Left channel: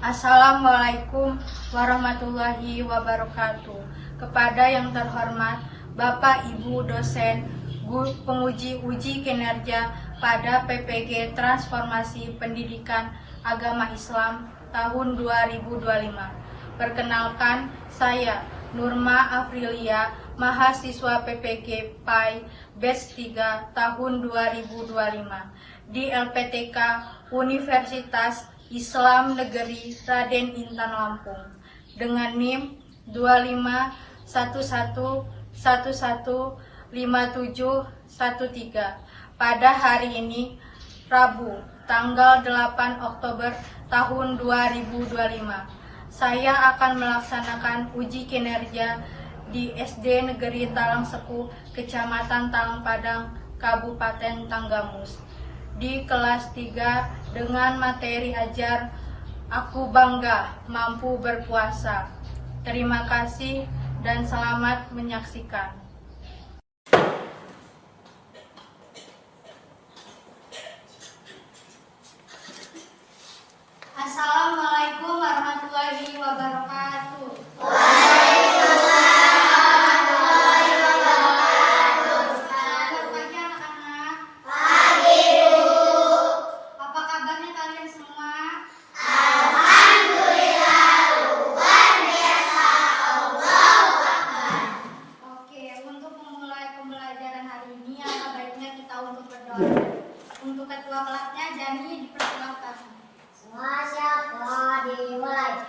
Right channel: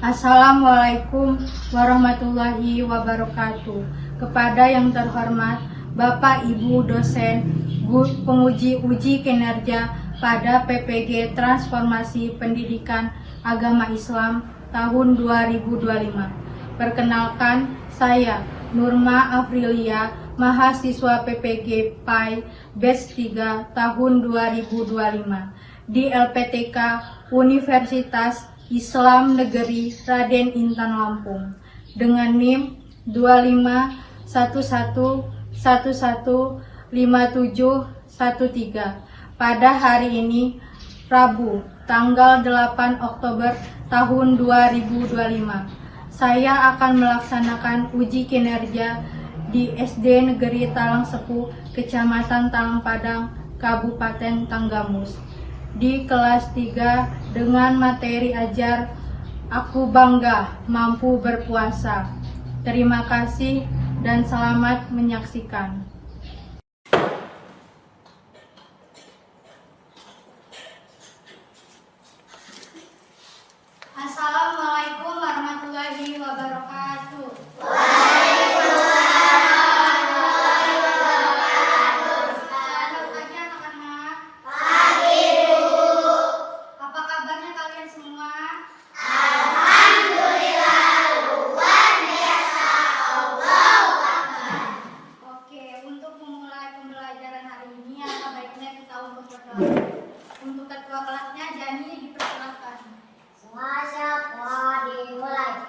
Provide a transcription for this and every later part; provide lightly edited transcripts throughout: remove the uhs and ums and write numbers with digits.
Assalamualaikum warahmatullahi wabarakatuh. Kepada yang terhormat Bapak Ibu dosen, penguji uji kinerja pada PPG Transformasi Pendidikan Agama Islam tahun 2025. Perkenalkan, saya Nurma Aprilia, mahasiswa PPG PAI Batch 3 tahun 2025 di LPTK Universitas Islam Negeri Raden Intan Lampung dengan NIM 2511115713 pada hari ini Rabu tanggal 8 Oktober tahun 2025. Saya akan melaksanakan uji kinerja di SD Negeri Talang Sepu, Kecamatan Talang Padang, Kabupaten Tanggamus di kelas 3 dengan materi ajar Aku Bangga Mampu Berpuasa. Terima kasih dan selamat menyaksikan. Assalamualaikum warahmatullahi wabarakatuh. Untuk ketua kelasnya Jani dipersilakan. Semua siapa dimulai?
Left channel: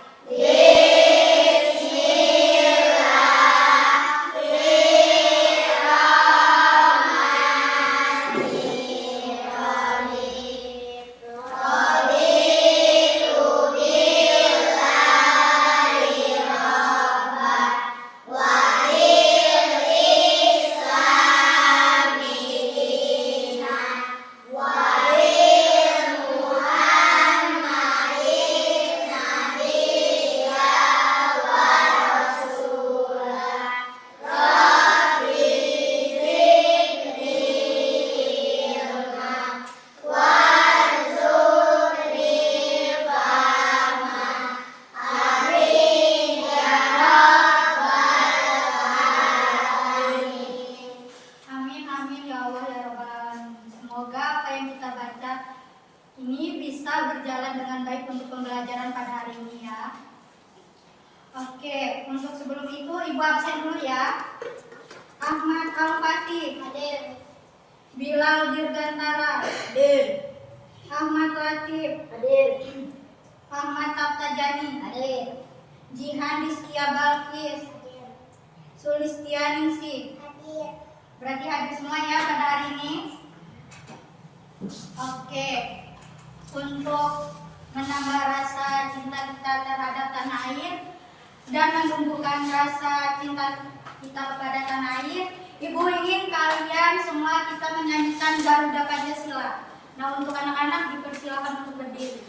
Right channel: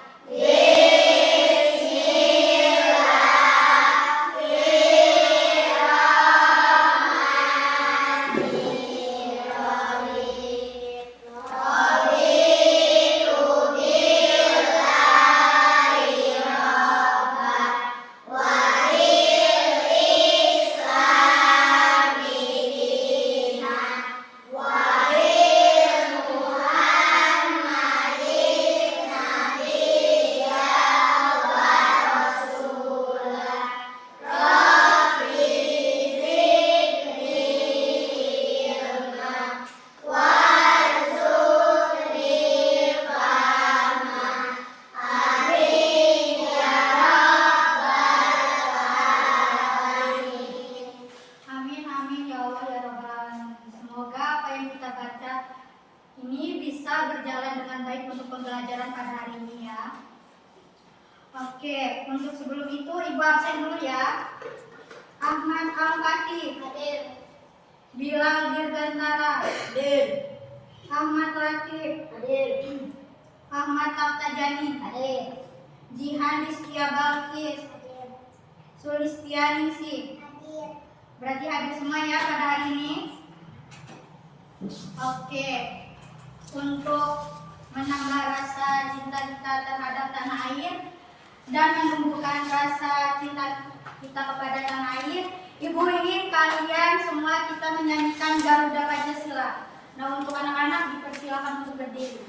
Ini bisa berjalan dengan baik untuk pembelajaran pada hari ini ya. Oke, untuk sebelum itu Ibu absen dulu ya. Ahmad Al-Fatih Hadir. Bilal Dirgantara Hadir. Ahmad Latif Hadir. Ahmad Taftajani Hadir. Jihan Rizkia Balkis Hadir. Sulistianingsih. Hadir. Berarti hadir semua ya pada hari ini. Oke, untuk menambah rasa cinta kita terhadap tanah air dan menumbuhkan rasa cinta kita kepada tanah air, Ibu ingin kalian semua kita menyanyikan Garuda Pancasila. Nah, untuk anak-anak dipersilakan untuk berdiri.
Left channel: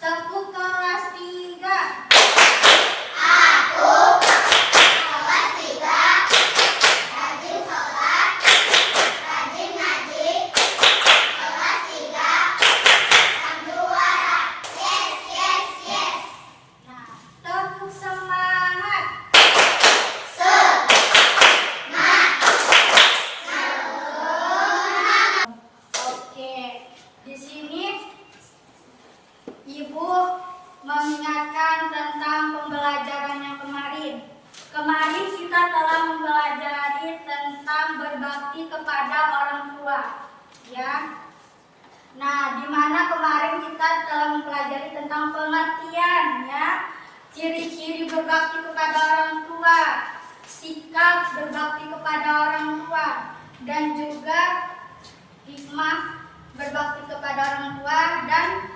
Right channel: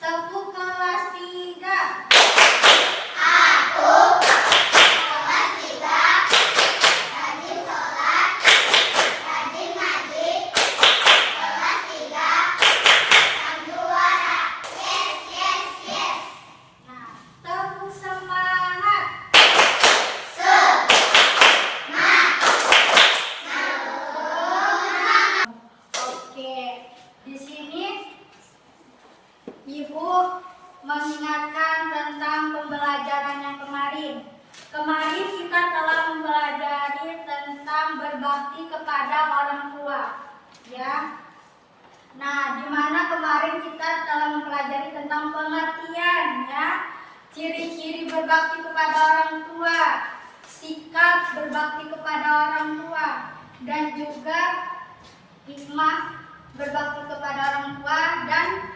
Tepuk kelas 3. ya. Nah, di mana kemarin kita telah mempelajari tentang pengertian ya, ciri-ciri berbakti kepada orang tua, sikap berbakti kepada orang tua, dan juga hikmah berbakti kepada orang tua, dan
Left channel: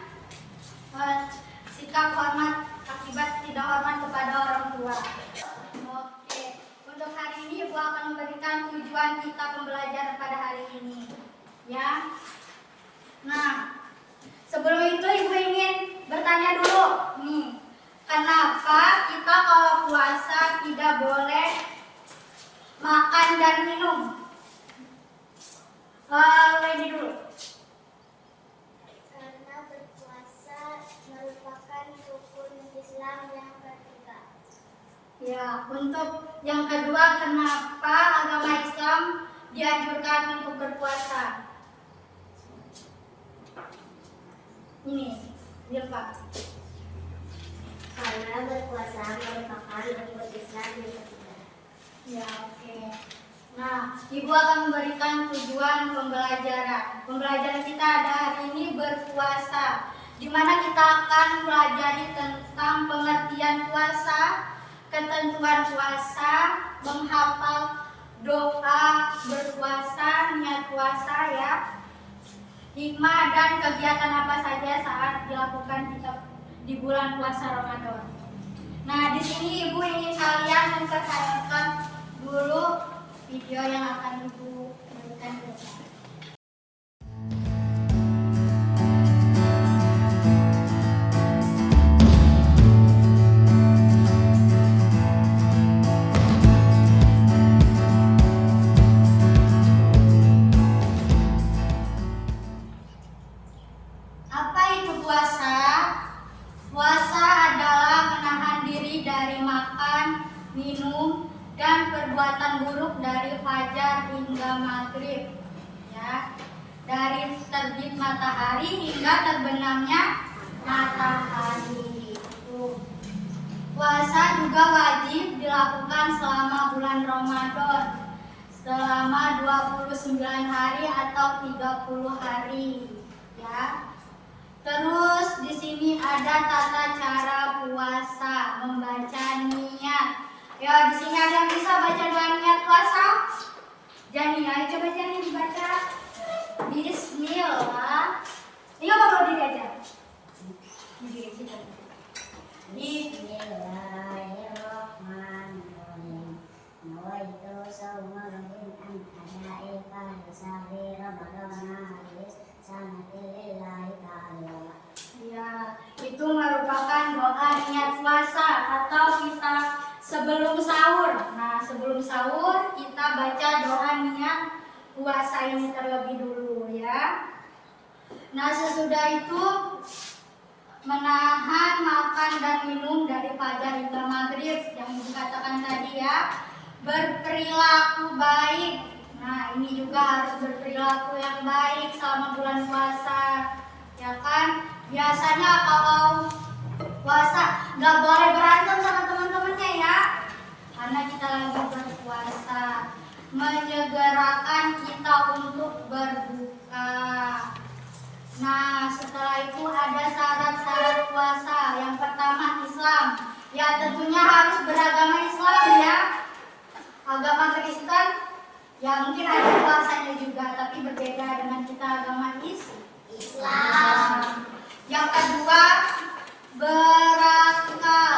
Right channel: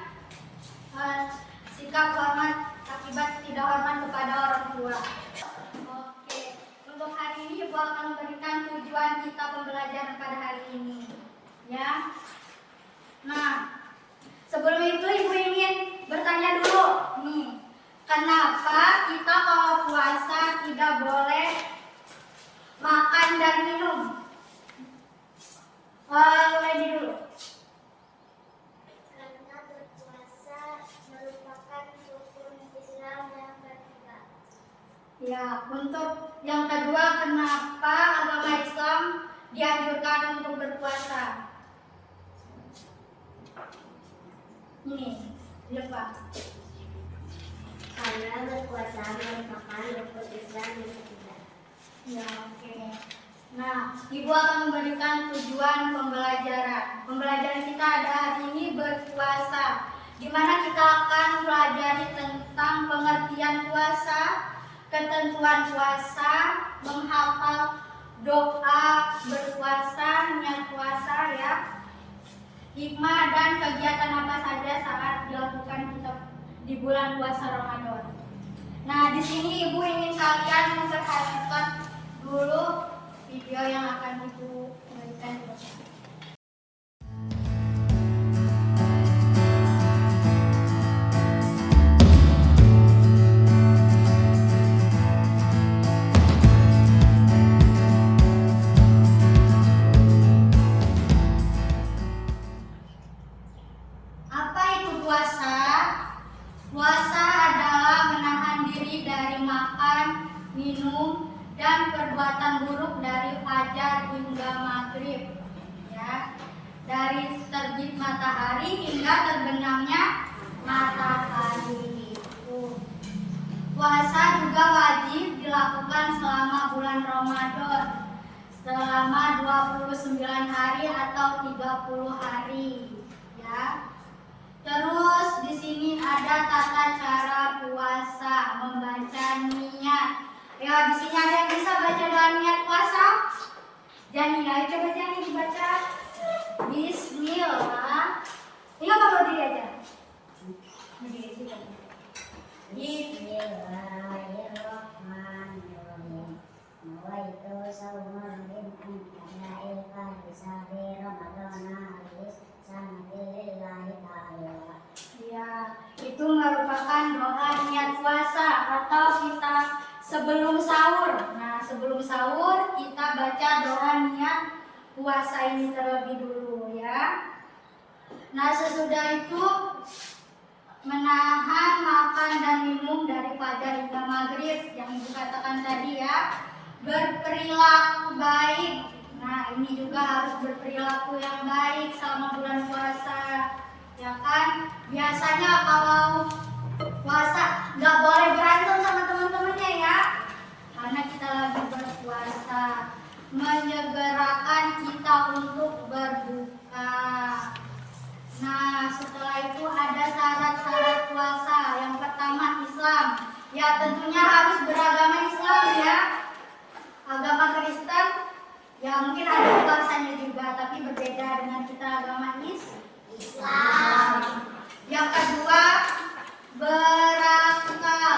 sikap hormat akibat tidak hormat kepada orang tua. Oke, untuk hari ini Ibu akan memberikan tujuan kita pembelajaran pada hari ini ya. Nah, sebelum itu Ibu ingin bertanya dulu nih, kenapa kita kalau puasa tidak boleh makan dan minum? Ini dulu. Karena berpuasa merupakan rukun Islam yang ketiga. Ya, untuk yang kedua, kenapa agama Islam dianjurkan untuk berpuasa? Ini, lihat Pak. Karena berpuasa merupakan rukun Islam yang ketiga. Ya, oke. Nah, Ibu akan memberikan tujuan pembelajaran. Pembelajaran kita ada hari ini berpuasa, di mana kita akan pelajari tentang pengertian puasa, ketentuan puasa, menghafal doa berpuasa, niat puasa ya, hikmah dan kegiatan apa saja saat dilakukan kita di bulan puasa Ramadan. Nah, di sini Ibu ingin kalian memperhatikan dulu video yang akan Ibu berikan ke depan. Apa itu puasa? Puasa adalah menahan diri dari makan, minum, dan perbuatan buruk dari fajar hingga maghrib, ya, dari terbit matahari hingga terbenamnya matahari. Puasa juga wajib dilakukan selama bulan Ramadan, selama 29 hari atau 30 hari, ya. Terus di sini ada tata cara puasa, membaca niat. Ya, di sini ada yang bisa baca doa niat puasa? Jani, ayo coba Jani dibaca. Bismillah. Ini apa kalau diri aja? Diri situ. Bismillahirrahmanirrahim. Nawaitu shauma ghadin an adaika li sahri ramadana halis sanadilillahi ta'ala. Ya, itu merupakan doa niat puasa atau kita sebelum sahur. Nah, sebelum sahur kita baca doa niat puasa ini terlebih dulu ya. Nah, sesudah itu menahan makan dan minum dari fajar hingga maghrib yang dikatakan tadi ya. Berperilaku baik. Nah, ini juga harus berperilaku yang baik selama bulan puasa, ya kan? Biasanya kalau puasa nggak boleh berantem sama teman-temannya ya, karena kita lagi berpuasa. Menyegerakan kita untuk berbuka. Nah, setelah itu ada syarat-syarat puasa. Yang pertama Islam. Ya, tentunya harus beragama Islam ya. Agama Kristen ya mungkin ada puasanya juga, tapi berbeda dengan kita agama Islam. Yang kedua, berakal.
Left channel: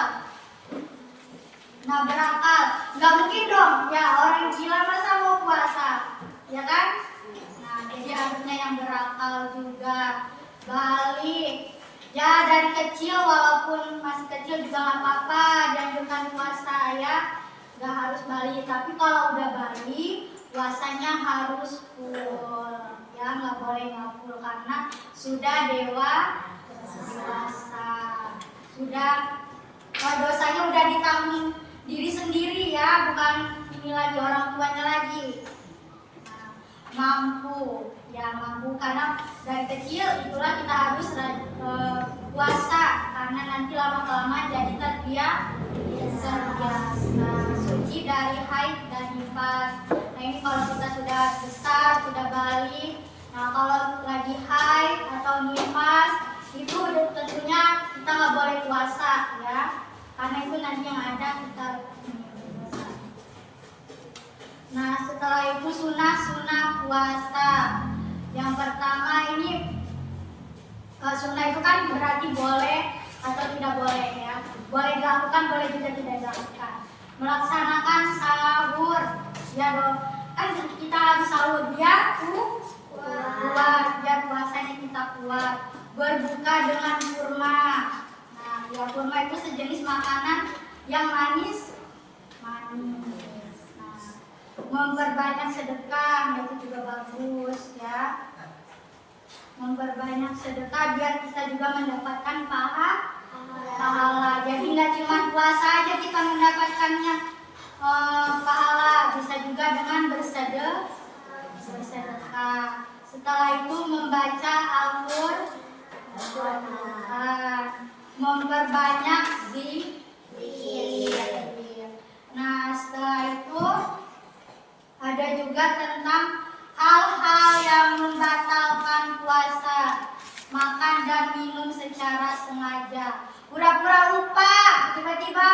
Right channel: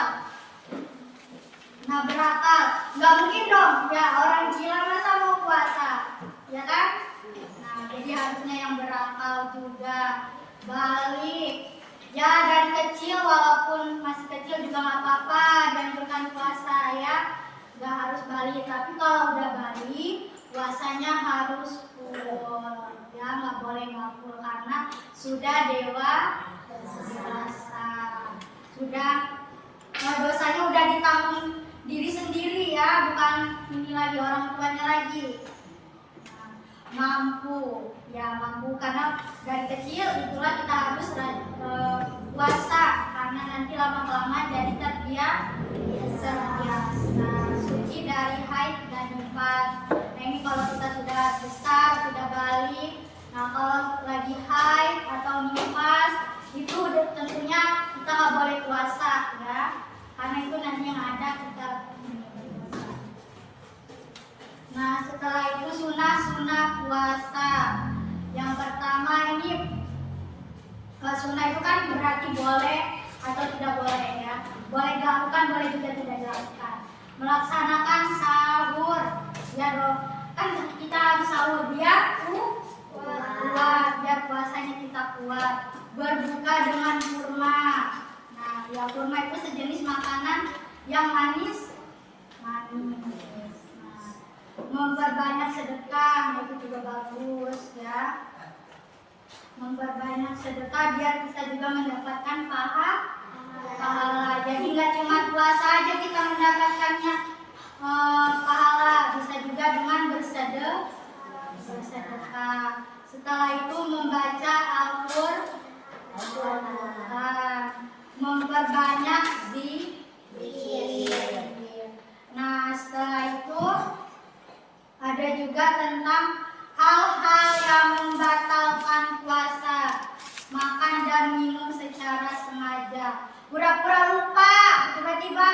Nah, berakal nggak mungkin dong ya orang gila masa mau puasa, ya kan? Nah, jadi harusnya yang berakal juga. Balik ya, dari kecil walaupun masih kecil juga nggak apa-apa, dianjurkan puasa ya, nggak harus balik. Tapi kalau udah balik, puasanya harus full ya, nggak boleh nggak full karena sudah dewasa, sudah dosanya udah ditanggung diri sendiri ya, bukan ini lagi orang tuanya lagi. Mampu ya, mampu karena dari kecil itulah kita harus puasa karena nanti lama-lama jadi terbiasa, suci dari haid dan nifas. Nah, ini kalau kita sudah besar, sudah balik, Nah, kalau lagi haid atau nifas itu tentunya kita nggak boleh puasa ya, karena itu nanti yang ada kita. Nah, setelah itu sunah puasa. Yang pertama ini sunnah itu kan berarti boleh atau tidak boleh ya. Boleh dilakukan, boleh juga tidak dilakukan. Melaksanakan sahur ya dong. Kan kita harus sahur biar kuat, biar puasanya kita kuat. Berbuka dengan kurma. Nah, ya kurma itu sejenis makanan yang manis. Nah, memperbanyak sedekah itu juga bagus ya. Memperbanyak sedekah biar kita juga mendapatkan pahala. Jadi nggak cuma puasa aja kita mendapatkannya pahala, bisa juga dengan bersedekah. Setelah itu membaca Al-Qur'an, memperbanyak zikir. Nah, setelah itu ada juga tentang hal-hal yang membatalkan puasa, makan dan minum secara sengaja. Pura-pura lupa, tiba-tiba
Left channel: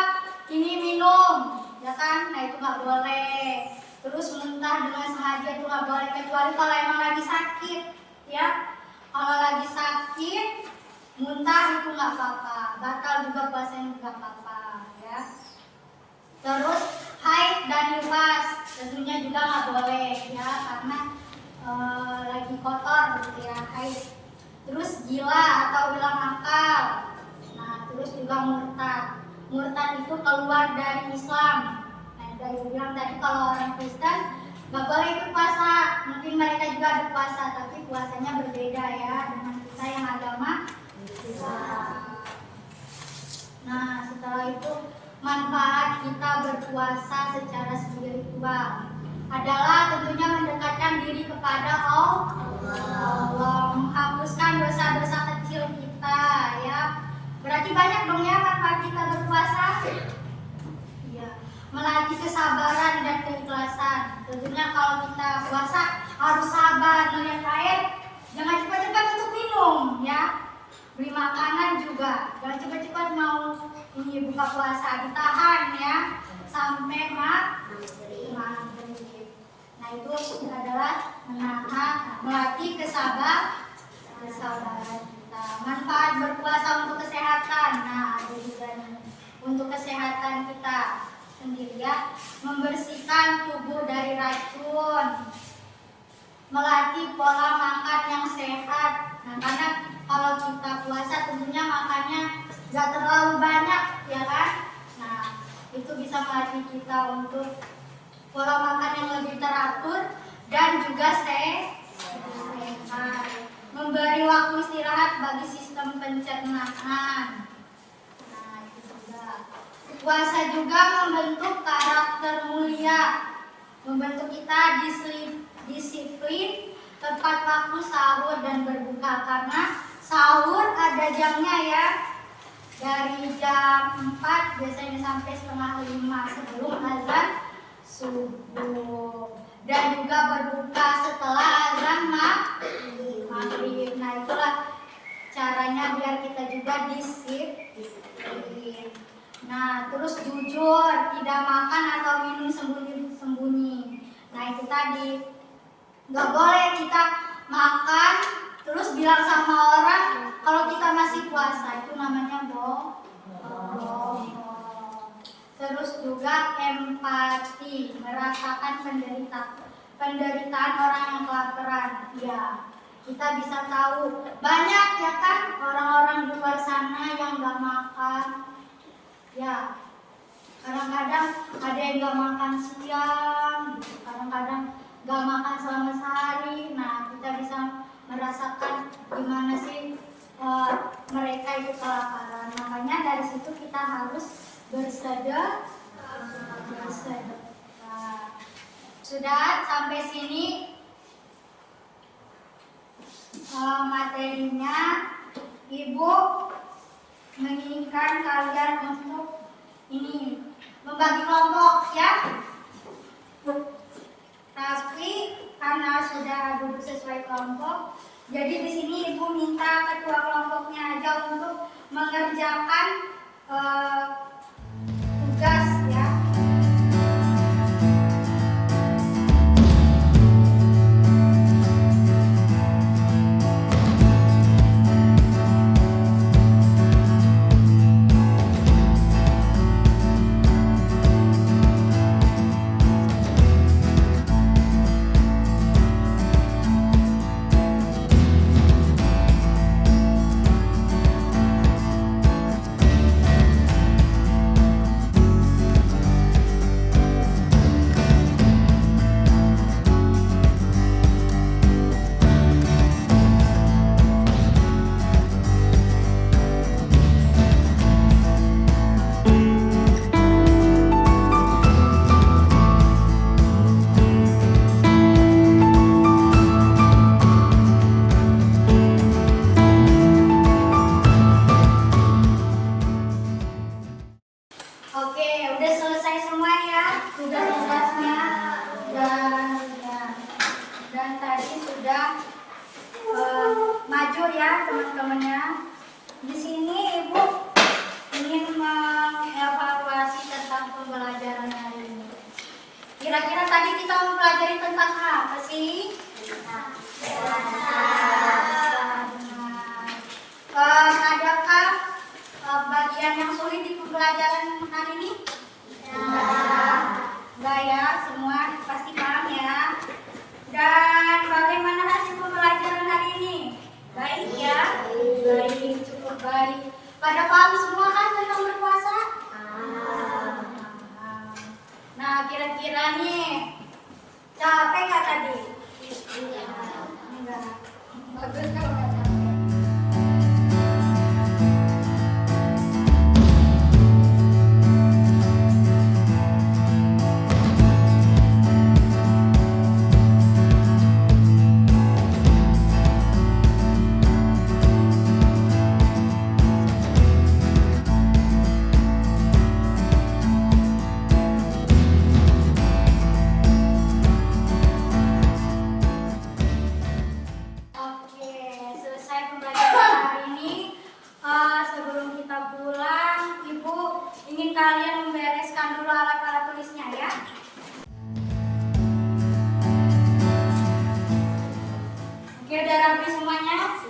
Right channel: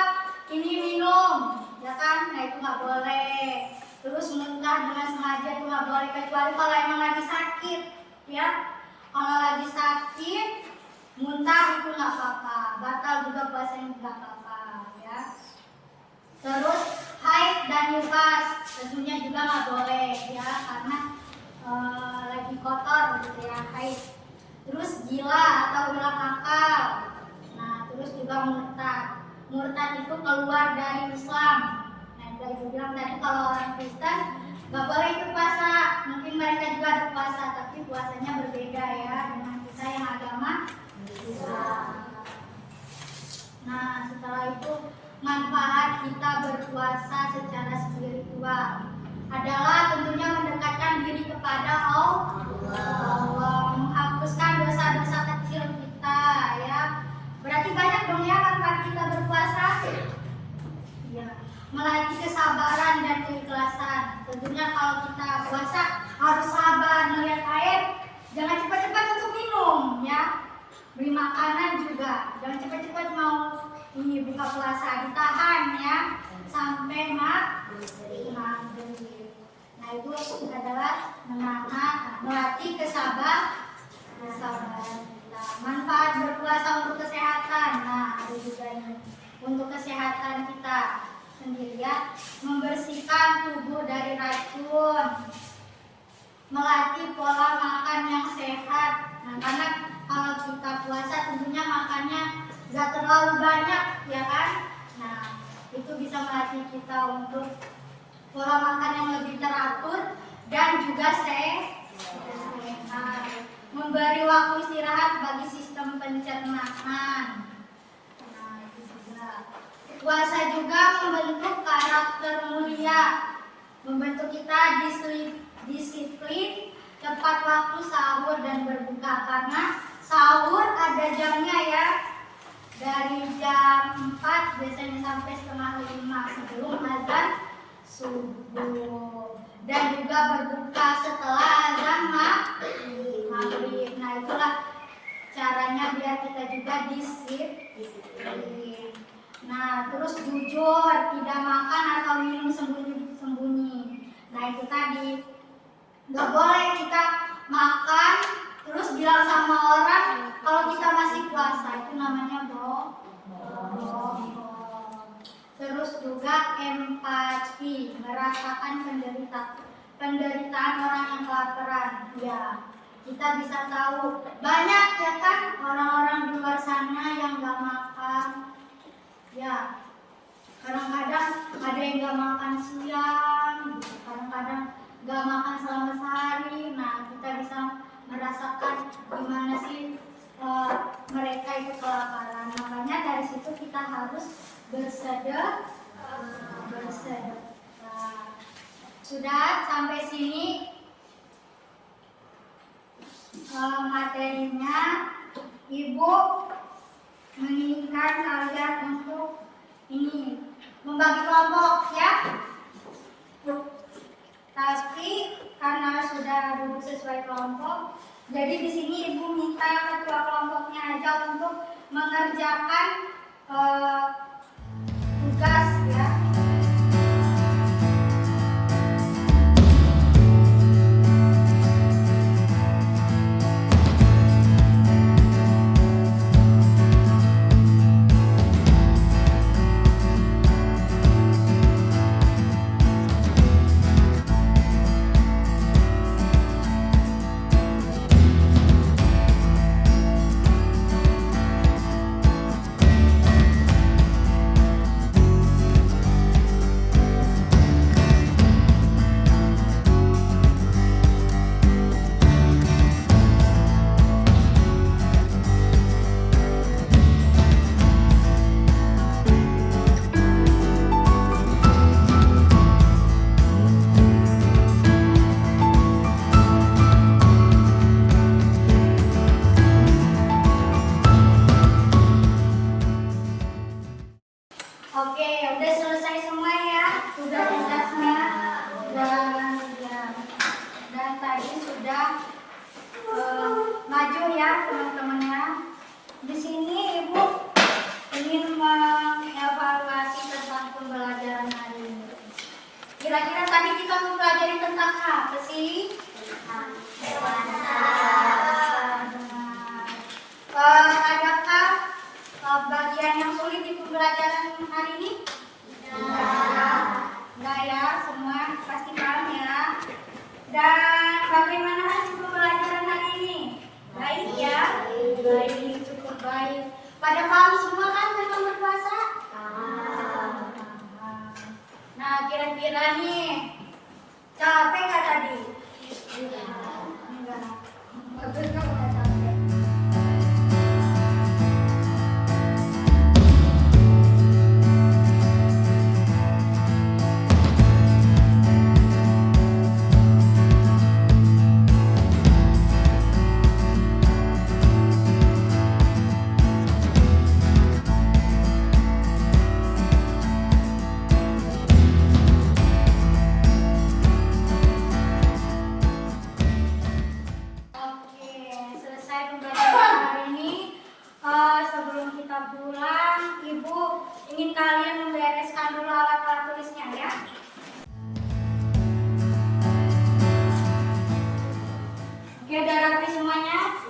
ini minum, ya kan? Nah, itu nggak boleh. Terus muntah dengan sengaja itu nggak boleh, kecuali kalau emang lagi sakit, ya. Kalau lagi sakit, muntah itu nggak apa-apa, batal juga puasanya nggak apa-apa, ya. Terus haid dan nifas tentunya juga nggak boleh ya, karena lagi kotor gitu ya, haid. Terus gila atau hilang akal. Nah, terus juga murtad. Murtad itu keluar dari Islam. Nah, dari bilang tadi kalau orang Kristen nggak boleh ikut puasa. Mungkin mereka juga ada puasa, tapi puasanya berbeda ya dengan kita yang agama Islam. Nah, setelah itu manfaat kita berpuasa secara spiritual adalah tentunya mendekatkan diri kepada Allah, menghapuskan dosa-dosa kecil kita ya. Berarti banyak dong ya manfaat kita berpuasa. Ya, melatih kesabaran dan keikhlasan. Tentunya kalau kita puasa harus sabar melihat air, jangan cepat-cepat untuk minum ya. Beli makanan juga, jangan cepat-cepat mau ini buka puasa, ditahan ya sampai maghrib. Nah, itu adalah melatih kesabaran kita. Manfaat berpuasa untuk kesehatan. Nah, ada juga untuk kesehatan kita sendiri ya, membersihkan tubuh dari racun, melatih pola makan yang sehat. Nah, karena kalau kita puasa tentunya makannya gak terlalu banyak ya kan. Nah, itu bisa melatih kita untuk pola makan yang lebih teratur dan juga sehat. Memberi waktu istirahat bagi sistem pencernaan. Nah, itu juga. Puasa juga membentuk karakter mulia, membentuk kita disiplin, tepat waktu sahur dan berbuka, karena sahur ada jamnya ya. Dari jam 4 biasanya sampai setengah 5 sebelum azan subuh, dan juga berbuka setelah azan maghrib. Nah, itulah caranya biar kita juga disiplin. Nah, terus jujur, tidak makan atau minum sembunyi-sembunyi. Nah, itu tadi nggak boleh kita makan terus bilang sama orang kalau kita masih puasa, itu namanya bohong. Terus juga empati, merasakan penderitaan orang yang kelaparan. Ya, kita bisa tahu banyak ya kan orang-orang di luar sana yang nggak makan. Ya, kadang-kadang ada yang nggak makan siang, gitu. Kadang-kadang nggak makan selama sehari. Nah, kita bisa merasakan gimana sih mereka itu kelaparan. Makanya dari situ kita harus bersedekah. Sudah sampai sini materinya. Ibu menginginkan kalian untuk ini membagi kelompok ya. Tapi karena sudah duduk sesuai kelompok. Jadi di sini Ibu minta ketua kelompoknya aja untuk mengerjakan tugas ya. Oke, udah selesai semua ya tugas-tugasnya dan tadi sudah maju ya teman-temannya. Di sini Ibu ingin mengevaluasi tentang pembelajaran hari ini. Kira-kira tadi kita mempelajari tentang apa sih? Adakah bagian yang sulit di pembelajaran hari ini? Enggak ya, semua pasti paham ya. Dan bagaimana hasil pembelajaran hari ini? Baik ya? Baik, cukup baik. Pada paham semua kan tentang berpuasa? Nah, kira-kira nih capek nggak tadi? Enggak. Bagus kalau nggak capek. Sebelum kita pulang, Ibu ingin kalian membereskan dulu alat-alat tulisnya ya. Oke, udah rapi semuanya?